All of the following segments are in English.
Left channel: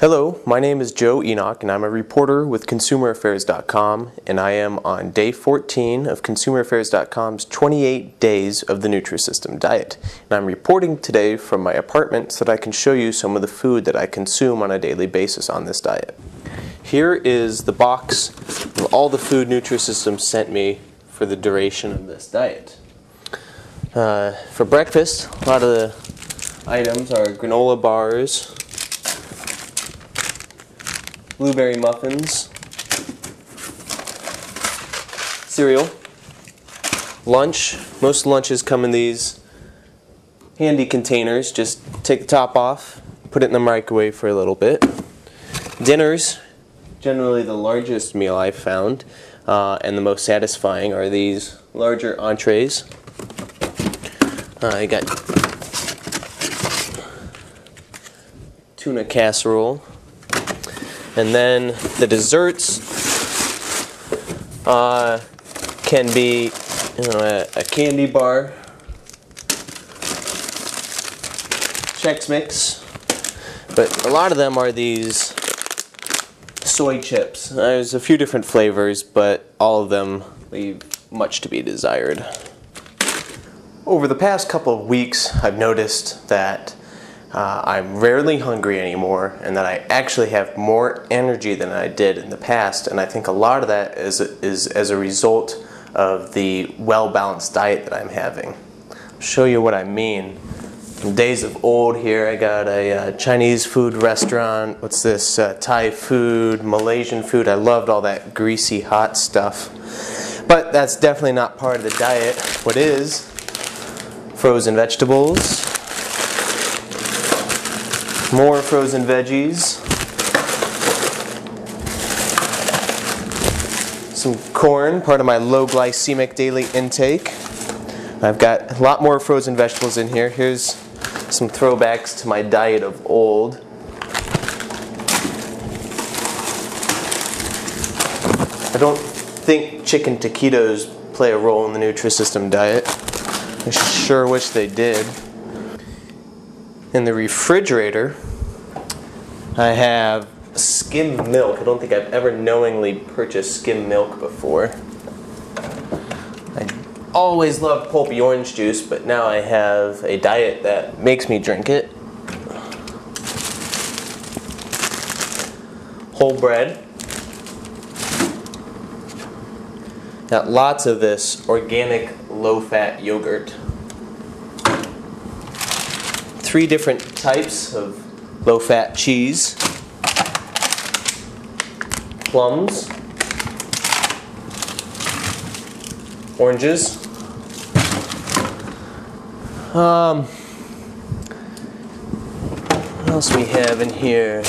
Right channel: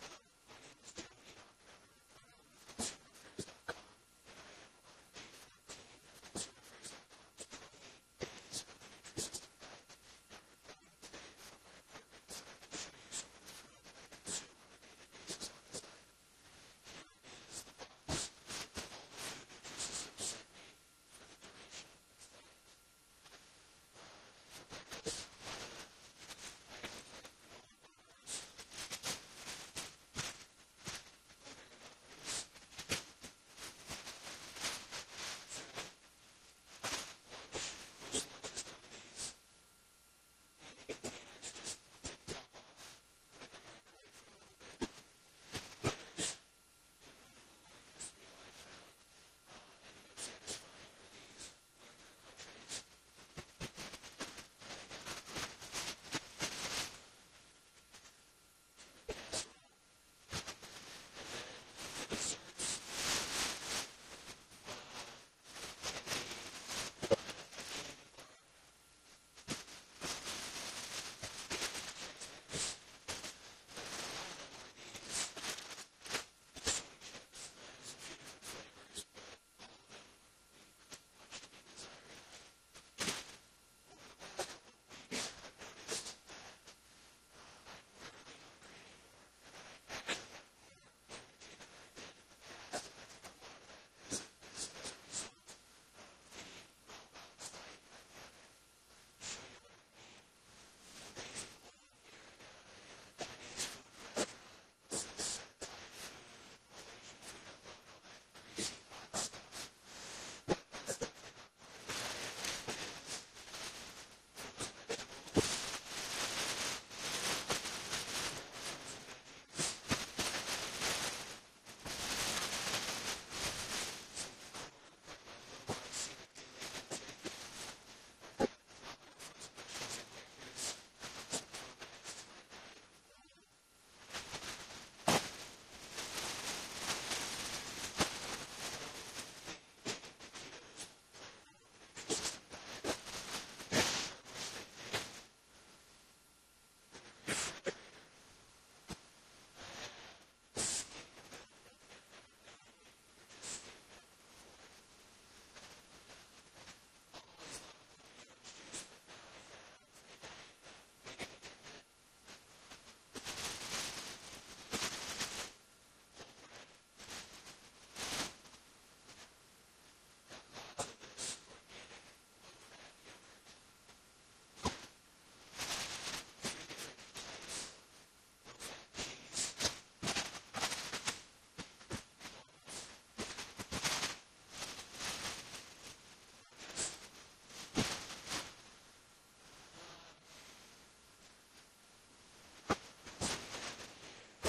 Hello, my name is Joe Enoch and I'm a reporter with ConsumerAffairs.com, and I am on day 14 of ConsumerAffairs.com's 28 days of the NutriSystem diet. And I'm reporting today from my apartment so that I can show you some of the food that I consume on a daily basis on this diet. Here is the box of all the food NutriSystem sent me for the duration of this diet. For breakfast, a lot of the items are granola bars, blueberry muffins, cereal. Lunch, most lunches come in these handy containers. Just take the top off, put it in the microwave for a little bit. Dinners, generally the largest meal I've found and the most satisfying, are these larger entrees. I got tuna casserole. And then the desserts can be a candy bar, Chex Mix, but a lot of them are these soy chips. There's a few different flavors, but all of them leave much to be desired. Over the past couple of weeks, I've noticed that I'm rarely hungry anymore, and that I actually have more energy than I did in the past, and I think a lot of that is as a result of the well-balanced diet that I'm having. I'll show you what I mean. From days of old here, I got a Chinese food restaurant. What's this? Thai food, Malaysian food. I loved all that greasy, hot stuff. But that's definitely not part of the diet. What is? Frozen vegetables. More frozen veggies, some corn, part of my low glycemic daily intake. I've got a lot more frozen vegetables in here. Here's some throwbacks to my diet of old. I don't think chicken taquitos play a role in the NutriSystem diet. I sure wish they did. In the refrigerator, I have skim milk. I don't think I've ever knowingly purchased skim milk before. I always loved pulpy orange juice, but now I have a diet that makes me drink it. Whole bread. Got lots of this organic low-fat yogurt. 3 different types of low-fat cheese, plums, oranges, what else we have in here?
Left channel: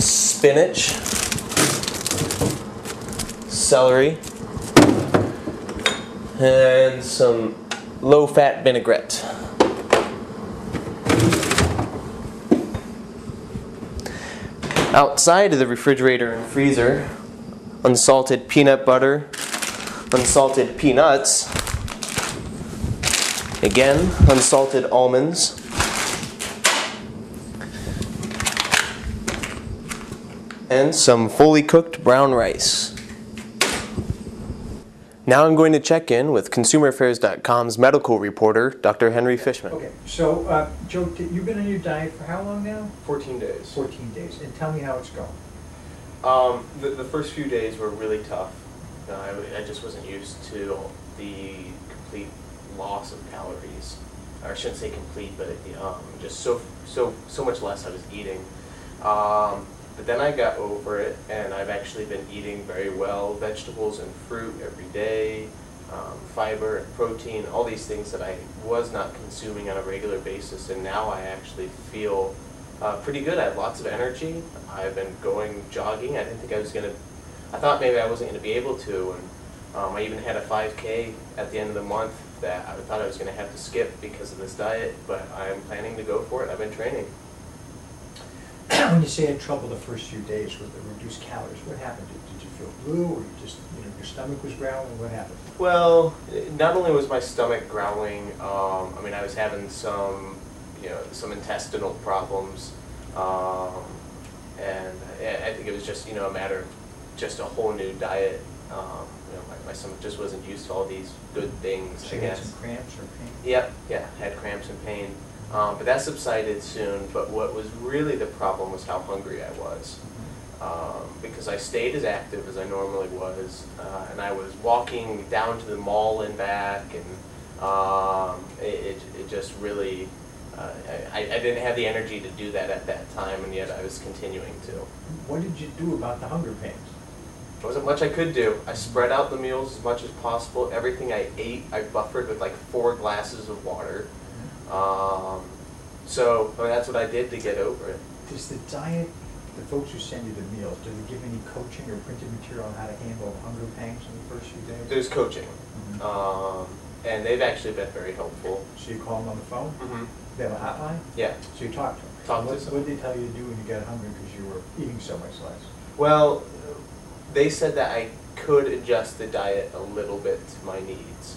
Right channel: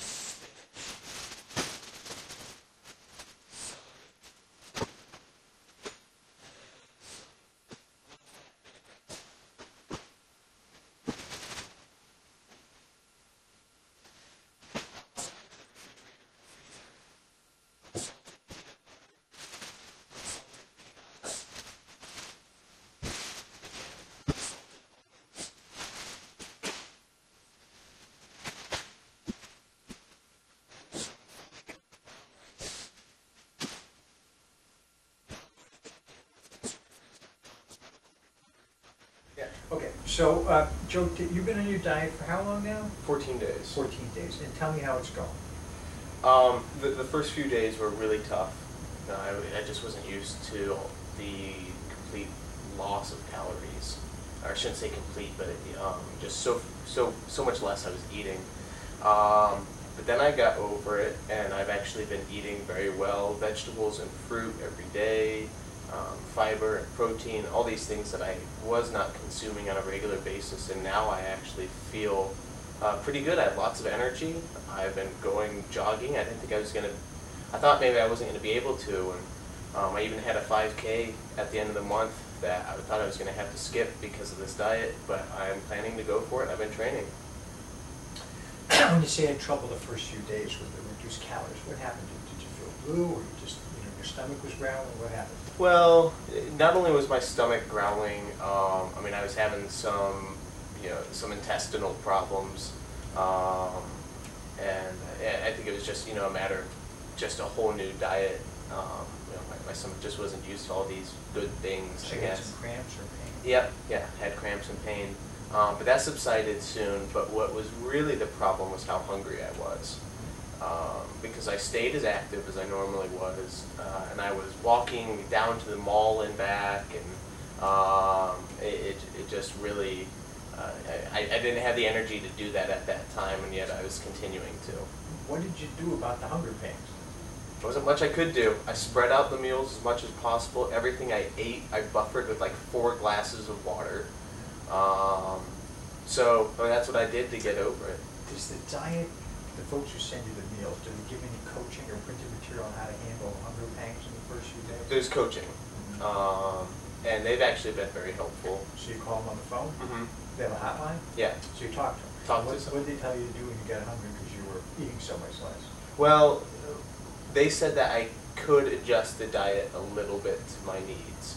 Spinach, celery, and some low-fat vinaigrette. Outside of the refrigerator and freezer, unsalted peanut butter, unsalted peanuts, again, unsalted almonds, and some fully cooked brown rice. Now I'm going to check in with ConsumerAffairs.com's medical reporter, Dr. Henry Fishman. Okay, so Joe, you've been on your diet for how long now? 14 days. 14 days. And tell me how it's going. The first few days were really tough. I just wasn't used to the complete loss of calories. Or I shouldn't say complete, but just so much less I was eating. But then I got over it, and I've actually been eating very well, vegetables and fruit every day, fiber and protein, all these things that I was not consuming on a regular basis, and now I actually feel pretty good. I have lots of energy. I've been going jogging. I didn't think I was going to, I thought maybe I wasn't going to be able to, and I even had a 5K at the end of the month that I thought I was going to have to skip because of this diet, but I'm planning to go for it. I've been training. When you say you had trouble the first few days with the reduced calories, what happened? Did you feel blue, or you just, your stomach was growling? What happened? Well, not only was my stomach growling, I mean, I was having some, some intestinal problems. it was just, a matter of just a whole new diet. My stomach just wasn't used to all these good things, So I you had guess. some cramps or pain? Yep, yeah, had cramps and pain. But that subsided soon, but what was really the problem was how hungry I was. Because I stayed as active as I normally was, and I was walking down to the mall and back, and it just really, I didn't have the energy to do that at that time, and yet I was continuing to. What did you do about the hunger pains? There wasn't much I could do. I spread out the meals as much as possible. Everything I ate, I buffered with like 4 glasses of water. So that's what I did to get over it. Does the diet, the folks who send you the meals, do they give any coaching or printed material on how to handle hunger pangs in the first few days? There's coaching, and they've actually been very helpful. So you call them on the phone? Mm-hmm. They have a hotline? Yeah. So you talk to them? What did they tell you to do when you got hungry because you were eating so much less? Well, they said that I could adjust the diet a little bit to my needs.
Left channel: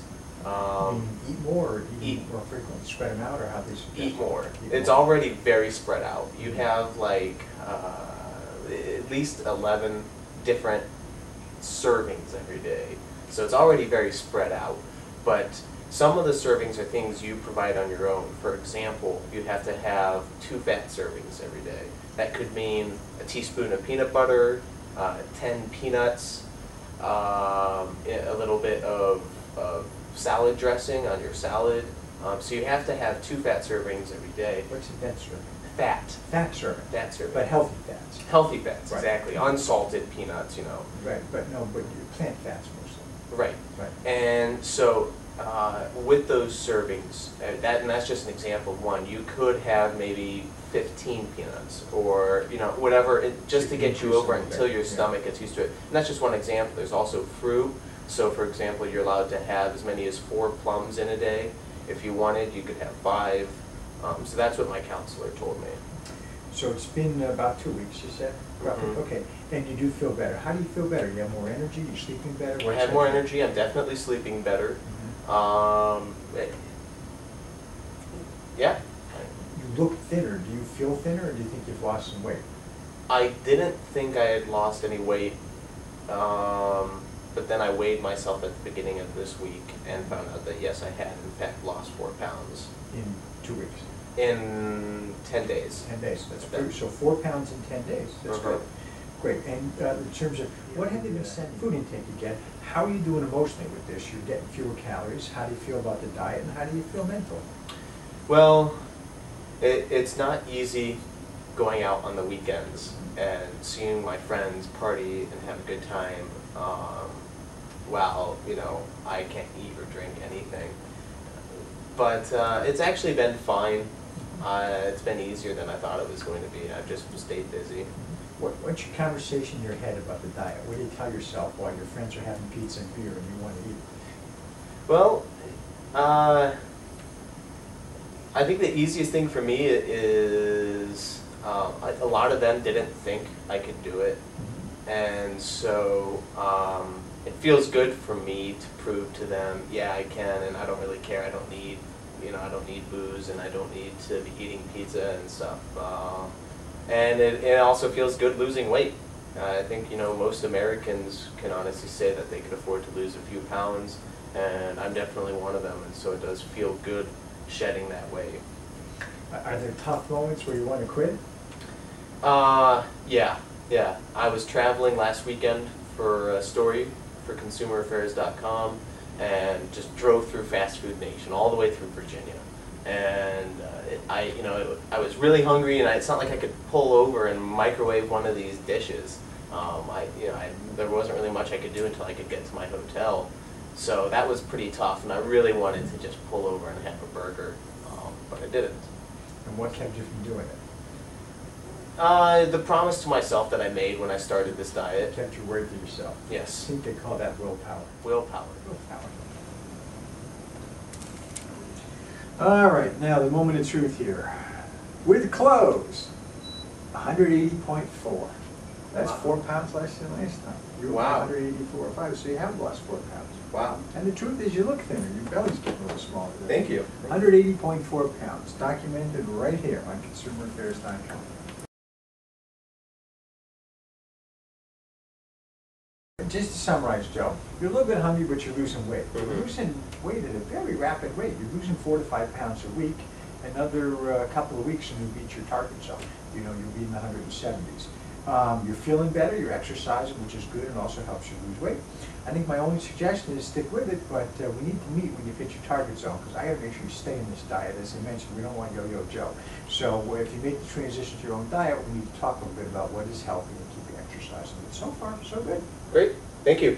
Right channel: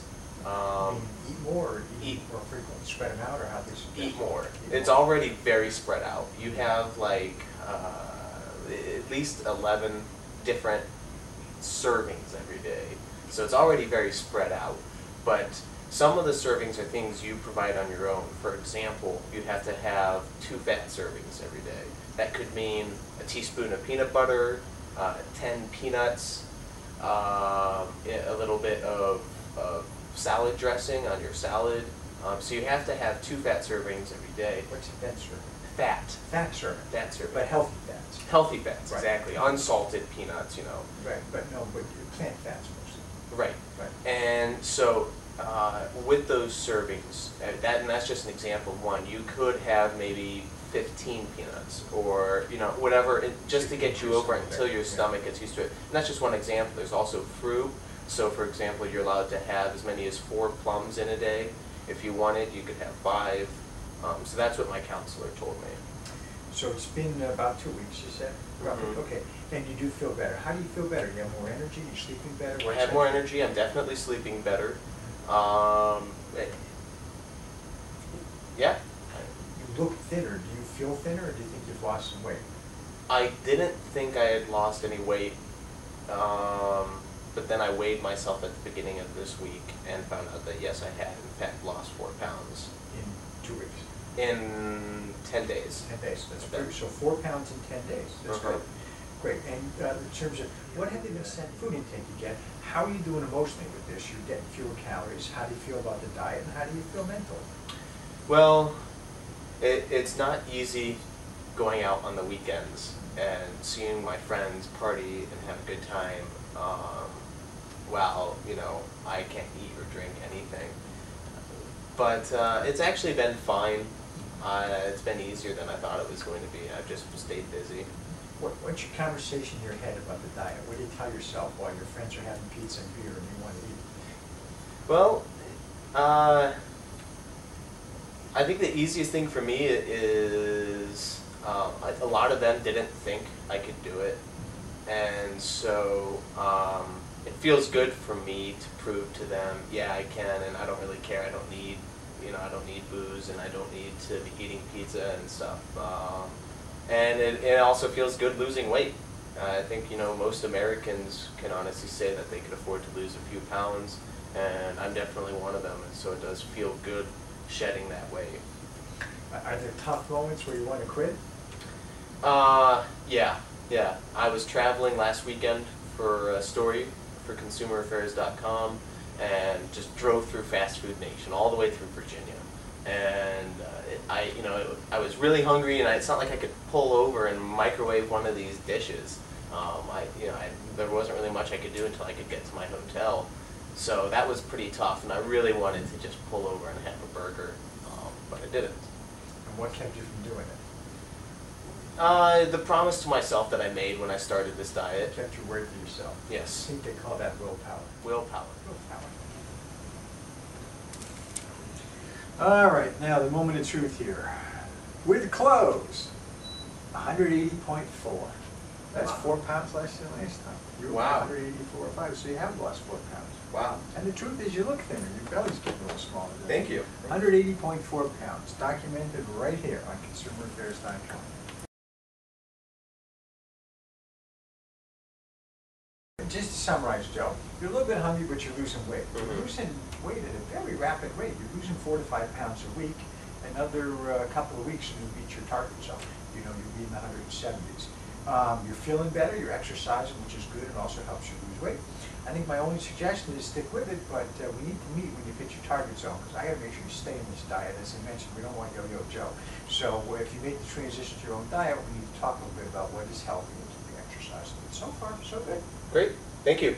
Eat more, or eat more frequently, spread them out, or how they suggest? Eat more. It's already very spread out. You have like at least 11 different servings every day. So it's already very spread out. But some of the servings are things you provide on your own. For example, you have to have 2 fat servings every day. That could mean a teaspoon of peanut butter, 10 peanuts, a little bit of salad dressing on your salad. So you have to have 2 fat servings every day. What's a fat serving? Fat. Fat serving. Fat serving. But healthy fats. Healthy fats, Right. exactly. Unsalted peanuts, Right, but plant fats mostly. Right. Right. And so with those servings, and that's just an example of one. You could have maybe 15 peanuts, or whatever, just to get you over it until your stomach gets used to it. And that's just one example. There's also fruit. So for example, you're allowed to have as many as 4 plums in a day. If you wanted, you could have 5. So that's what my counselor told me. So it's been about 2 weeks, you said? Mhm. Okay, and you do feel better. How do you feel better? You have more energy? You're sleeping better? I have more energy. I'm definitely sleeping better. Yeah. You look thinner. Do you feel thinner, or do you think you've lost some weight? I didn't think I had lost any weight, but then I weighed myself at the beginning of this week and found out that yes, I had in fact lost 4 pounds. In 2 weeks? In 10 days. 10 days. That's pretty. So 4 pounds in 10 days. That's great. Great. And in terms of what have they been sending food intake you get? How are you doing emotionally with this? You're getting fewer calories. How do you feel about the diet, and how do you feel mentally? Well, it's not easy going out on the weekends and seeing my friends party and have a good time while I can't eat or drink anything. But it's actually been fine. It's been easier than I thought it was going to be. I've just stayed busy. What's your conversation in your head about the diet? What do you tell yourself while your friends are having pizza and beer and you want to eat it? Well, I think the easiest thing for me is a lot of them didn't think I could do it, and so it feels good for me to prove to them, yeah, I can, and I don't really care. I don't need, I don't need booze, and I don't need to be eating pizza and stuff. And it also feels good losing weight. I think most Americans can honestly say that they could afford to lose a few pounds, and I'm definitely one of them, and so it does feel good shedding that weight. Are there tough moments where you want to quit? Yeah. I was traveling last weekend for a story for ConsumerAffairs.com, and just drove through Fast Food Nation all the way through Virginia. And I was really hungry, and it's not like I could pull over and microwave one of these dishes. There wasn't really much I could do until I could get to my hotel. So that was pretty tough, and I really wanted to just pull over and have a burger, but I didn't. And what kept you from doing it? The promise to myself that I made when I started this diet. It kept your word to yourself. Yes. I think they call that willpower. Willpower. Willpower. All right, now the moment of truth here. With clothes, 180.4. That's 4 pounds less than last time. You were 184.5, so you have lost 4 pounds. Wow. And the truth is, you look thinner. Your belly's getting a little smaller. Thank you. 180.4 pounds, documented right here on ConsumerAffairs.com. Just to summarize, Joe, you're a little bit hungry, but you're losing weight. You're Mhm. losing weight at a very rapid rate. You're losing 4 to 5 pounds a week. Another couple of weeks and you'll beat your target zone. You know, you'll be in the 170s. You're feeling better, you're exercising, which is good and also helps you lose weight. I think my only suggestion is stick with it, but we need to meet when you hit your target zone, because I got to make sure you stay in this diet. As I mentioned, we don't want yo-yo Joe. So if you make the transition to your own diet, we need to talk a little bit about what is healthy and keep you exercising. But so far, so good. Great. Thank you.